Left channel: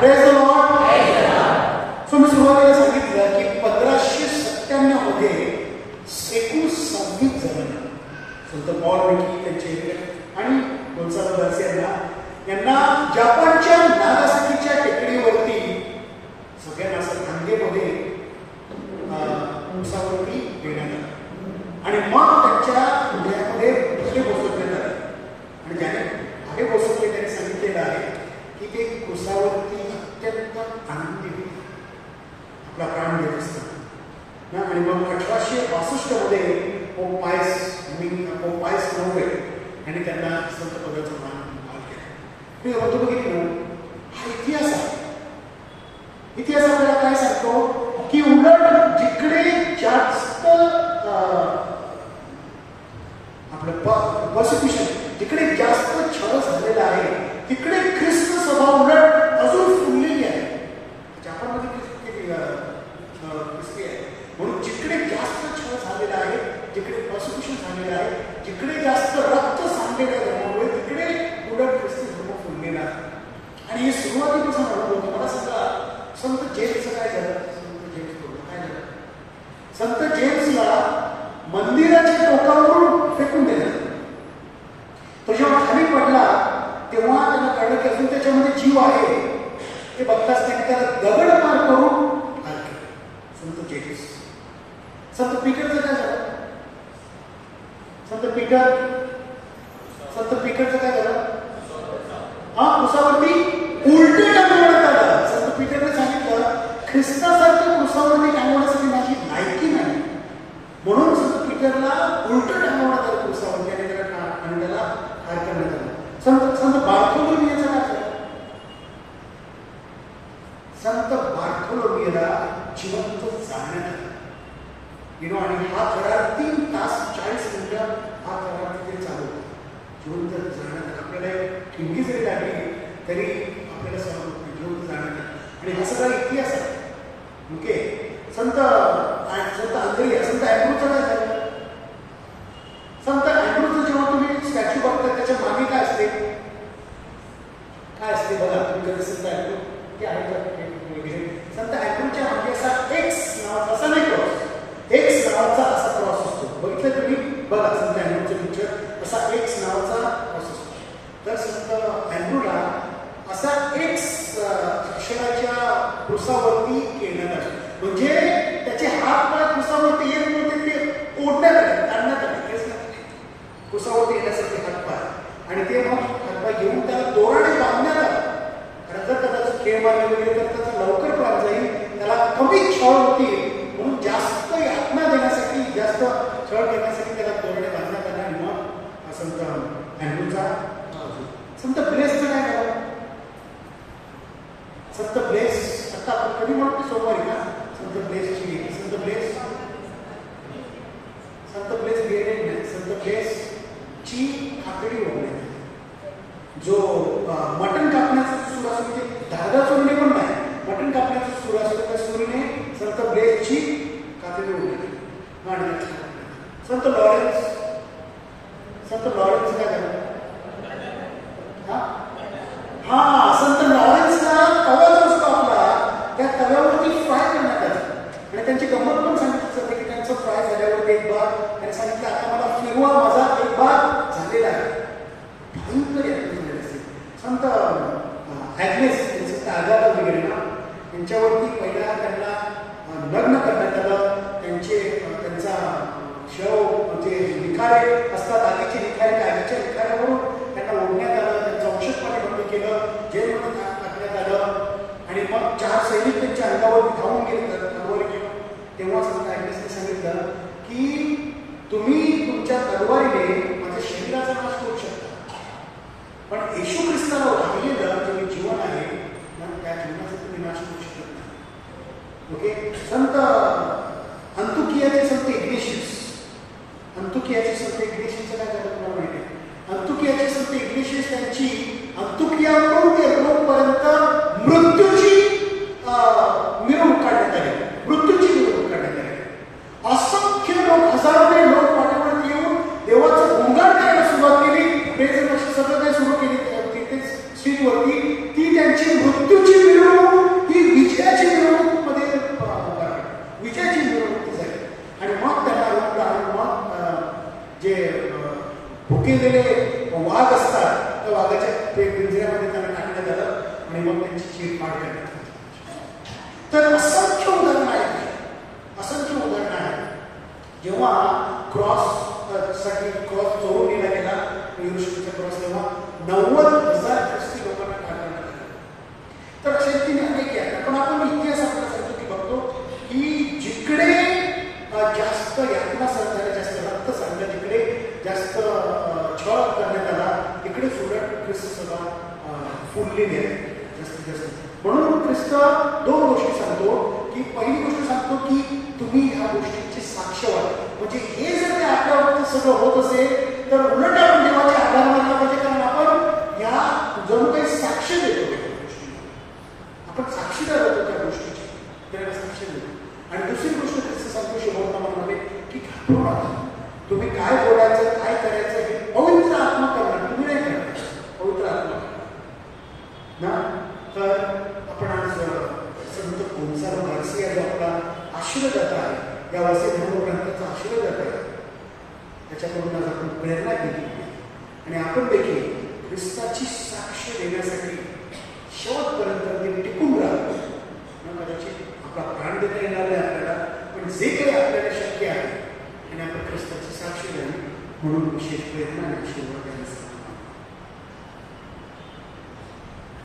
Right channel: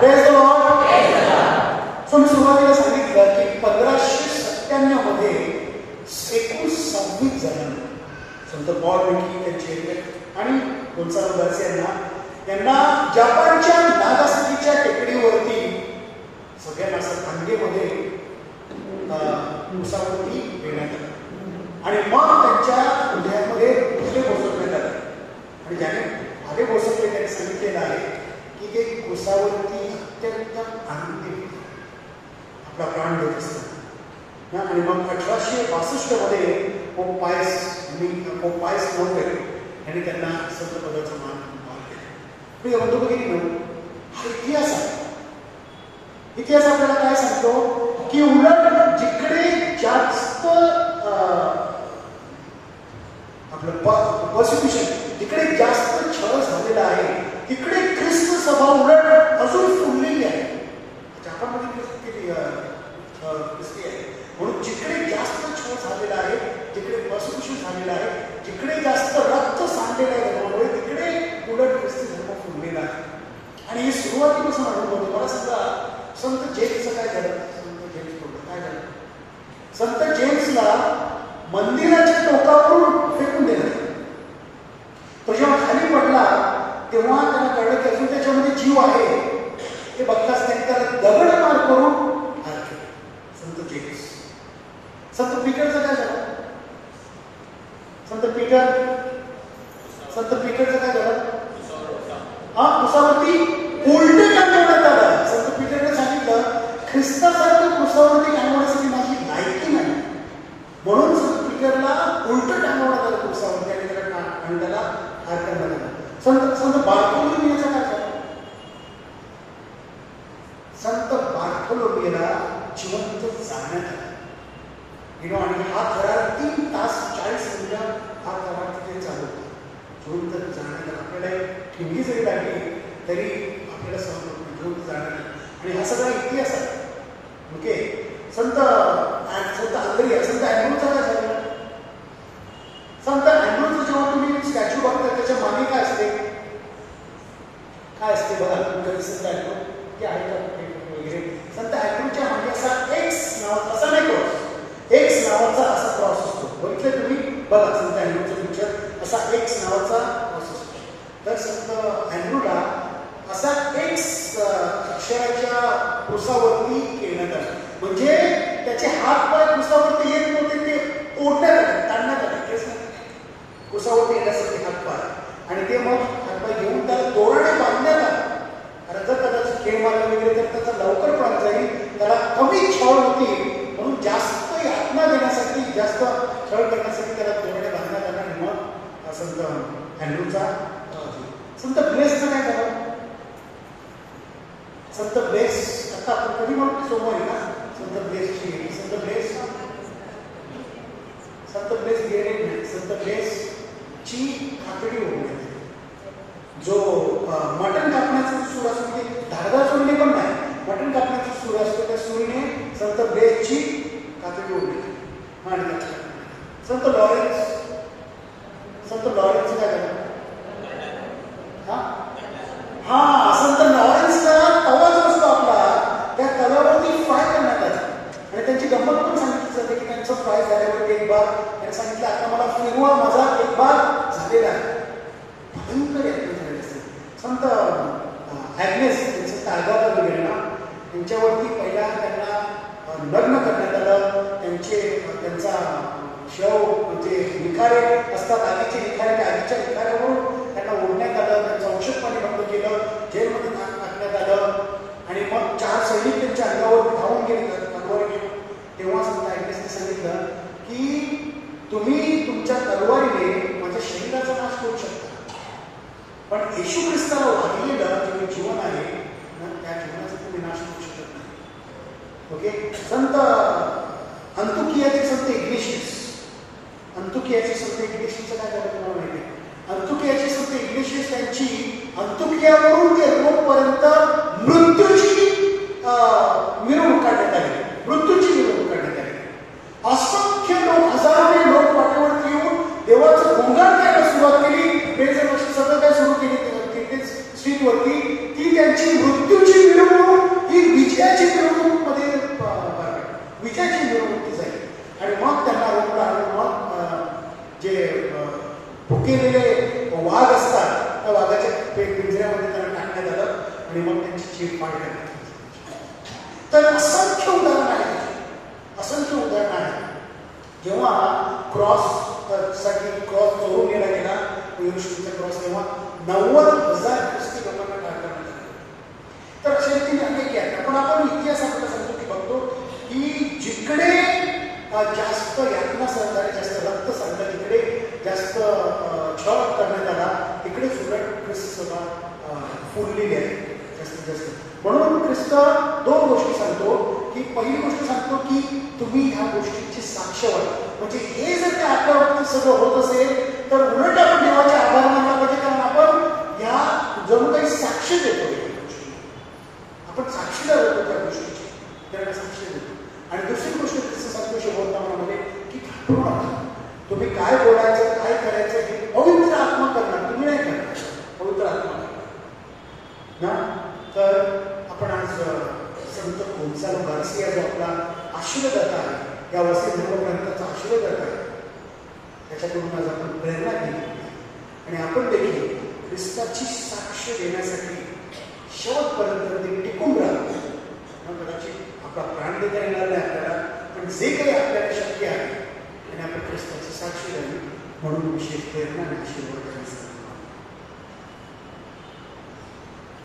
Praise the Lord. So मी सुरुवातीला सांगितलं की 1597 मध्ये एकूण 26 जण संत पॉल विकी त्यांचे आणि गोन्सालो गार्सिया यांना जपानच्या नागासाकीच्या टेकडीवरती सगळ्यांना असं खांदेमध्ये उसावरती घेण्यात आलं आणि मग त्यांच्या हृदयामध्ये दुसरे बसवण्यात आले आणि ज्याने आगे बसवले त्यांनी सांगितलेलं आहे की ते उसावरती अत्यंत आनंदी आपला प्राण देत असतात ना. आणि मग 1862 मध्ये पोप पायस 9 यांनी त्यांना संत पदाचा मान मी म्हणतो बघितलं हा इतिहास आहे. इतिहास आपल्याला काय सांगतो की उलट जिकडे जास्त आपलं पर्सिक्युशन जिकडे जास्त छळ झालेला आहे तिकडे ख्रिस्त सभा उलट अजून फुललेली आहे. जपानमध्ये ख्रिस्ती आहे म्हणून जिकडे जास्त छळ झालेला आहे जिकडे पर्सिक्युशन झालेलं आहे जिकडे जास्त रक्त सांडलेलं आहे धर्मामुळे तिकडे उलट ख्रिस्ती धर्म फुललेला आहे. आणि ही सुरुवातीपासून अनुभव होतो. मला सांगा संत जेम्सचं काय झालं. संत जेम्स बोलतो काय झालं. संत जेम्सला मंदिराच्या टोकावरून फेकून दिलं. तो जेव्हा खाली पडला तेव्हा त्याला कळलं की अजून त्याच्यामध्ये जीव आहे. ते बघताच त्यांनी त्याला दगडमार करून हार केला. संत जेम्स. संत पीटरचं काय झालं. संत पीटरचं काय झालं. क्रुसावरती उलटे टांगवण्यात आलं. संत पीटरने सांगितलं ख्रिस्तासारखं क्रुसावरती टांगवण्यासाठी माझी लायकी नाही म्हणून संत पीटरला उलट टांगवण्यात आलं क्रुसावरती आणि त्याला हार करण्यात आला. संत बार्थोलोमियाचं काय झालं. संत बार्थोलोमियाला जिवंत जाळण्यात आलं. आणि हा करार 3 तास 40 मिनिटं हा करार तिथे चालू होता. जिवंत जाण्यात आपल्याला ठिणगी जरी लागली तरी आपल्याला सहन होत नाही. जिवंत जाण्यात आणि हा सगळा इतिहास आहे. ओके. संत आंद्रिया संत अँड्रूचं काय झालं. संत अँड्रूचं जेव्हा तुम्ही स्टॅच्यू बघता त्याच्या मागे काय असते बघा तुम्ही संत अँड्रू ते आहे संत अँड्रूच्या मागे असा एक्स नावाचा असा नाही क्रॉस एक्स नावाचा असा क्रॉस असतो. बघितलं तुम्ही बघा संत अँड्रूचं पिक्चर असा एक्स नावाचा क्रॉस असतो. तर संत अँड्रूला असा एक्स अक्षराच्या क्रुसावरती घेण्यात आला. म्हणजे त्याचे हात पाय क्रुसावरती येत नव्हते ते ओढण्यात आले ताणण्यात आले क्रुसावरती येण्यासाठी हात पाय आणि ते मग हात पाय घेऊन त्याला दोराने बांधण्यात आला. कारण जर कदाचित खेळ मारले वगैरे तर त्याचा लवकर प्राण जाईल. त्याला कमी छळ होती म्हणून जास्त यातना देण्यासाठी जास्त छळ करण्यासाठी त्याला दोराने बांधण्यात आला. आणि मग संत अँड्रूचा संत ब्लेसचं काय झालं. संत ब्लेस आता आपण कधी म्हणतो सोमवारी ना संत ब्लेसची संत ब्लेस गेले संत ब्लेसची आकडी होऊन जो मटण कापण्याचा सूर असतो ते धारदार सोडणे पण नाही. मटण कापण्याचा सूर असतो त्या सुरीने संत ब्लेसची कातडी ओढली. आणि संत लॉरेन्स काय झालं. संत लॉरेन्सला तवा जो असतो आपला त्या तव्यावरती फ्राय करण्यात आला. आणि त्यांची गंमत पण सांगितली जाते की त्यांचं फ्राय झाल्यावर एक बार त्यांनी सांगितलं आता मला फिरवा माझा एक बार झालेला आहे. भयंकर झालेले असते. संत ॲग्नेस संत आगाथा वगैरे ना त्यांच्यावरती पहिला त्यांना लग्न करण्यात आलं. त्यांचा शव म्हणजे निखारे असतात आधीचे निखारे आधीच्या निखाऱ्यावरून त्यांना ओढण्यात आलं. त्यांचं औषध पाणी बंद केलं. जेलमध्ये टाकण्यात आलं. आणि मग 4 सैनिक त्यांच्या अंगावर धावून गेले तलवारी घेऊन. तेव्हा संत ॲग्नेसने सांगितलं की तुम्ही तुमच्या तलवारीने माझ्या शरीराचा नाश करू शकता पण येशू ख्रिस्ताला वाहिलेलं जे जीवन आहे त्या जीवनाचा तुम्ही नाश करू शकत नाही. ओके. संत अंतुकियाचे संत इग्नेशियस काय झालं तुम्हाला माहिती आहे. अंतुकियाचे संत इग्नेशियस त्यांची अंतुकियावरून ते रोमपर्यंत मृत्यूची मिरवणूक काढण्यात आली. असंख्य लोक हजारोने लोक पाठीवरती येऊन देवाचं गुणगान करायला सुरुवात केली. प्रेझेंटेशन सगळं काय सुरू केली. तिथेच स्ट्रीट स्टेजवरती ती त्यांची मृत्यूची मिरवणूक ही विजयाची मिरवणूक मध्ये विजयाची मिरवणूक जाईल. आणि मग त्यांना आणून मग जे भुकेलेले वाघ असतात त्या वाघाच्या पिंजऱ्यामध्ये त्यांना टाकण्यात आलं आणि मग त्यांची चीरफाड करण्यात आली. तर असंख्य उदाहरण आहे, असंख्य उदाहरण आहे. जेव्हा साठी क्रॉस चोरून नेला गेला येशूचा क्रॉस, तेव्हा 90,000 ख्रिस्ती लोकांना टाकण्यात आलं. तर अशा रीतीने अनेक आहेत. पण आपण इतिहास आपल्याला सांगतो की बघतो की जिकडे जास्त यातना सहकार्य, जास्त रक्त सांगतात, जिकडे जास्त छळ करण्यात आला तिकडेच उलट ख्रिस्त सभा फुललेली आहे जास्तीत जास्त. म्हणून ख्रिस्त दोन गोष्टी सांगतो की पहिली गोष्ट सांगतो की तुम्ही ह्या गोष्टीची साक्ष व्हा. म्हणजे हे जर ते आपल्यावरती सगळं होत असेल तर उलट आपण देवाचे आभार मानला पाहिजे, कारण आपण या जणू काही साक्ष देतो त्या गोष्टी, आपण साक्षीदार होतो त्या गोष्टीची, त्याला साक्ष देतो. आणि दुसरी गोष्ट ख्रिस्त सांगतो शेवटला म्हणाले की घाबरू नका, तुम्ही काय बोलायचं काय करायचं हे पवित्र आत्मा करणार, तुम्ही नाही करणार, पवित्र आत्मा ना. तर आपण आज संत गोन्झालो गार्सिया जो आपला आशीर्वाद आहे, या वसई धर्मग्रंथाचा आशीर्वाद आहे, त्याच्याकडून आज आपण प्रेरणा घेतली आणि आपण देखील ख्रिस्ताची साक्ष देण्यासाठी शेवटपर्यंत टिकून राहतो. कदाचित आपला प्राण देता येणार नाही आपल्याला, पण जे काही आपल्याला शक्य आहे आणि आपण ख्रिस्ताची साक्ष द्यावी म्हणून विशेष प्रेरणा आणि आशीर्वाद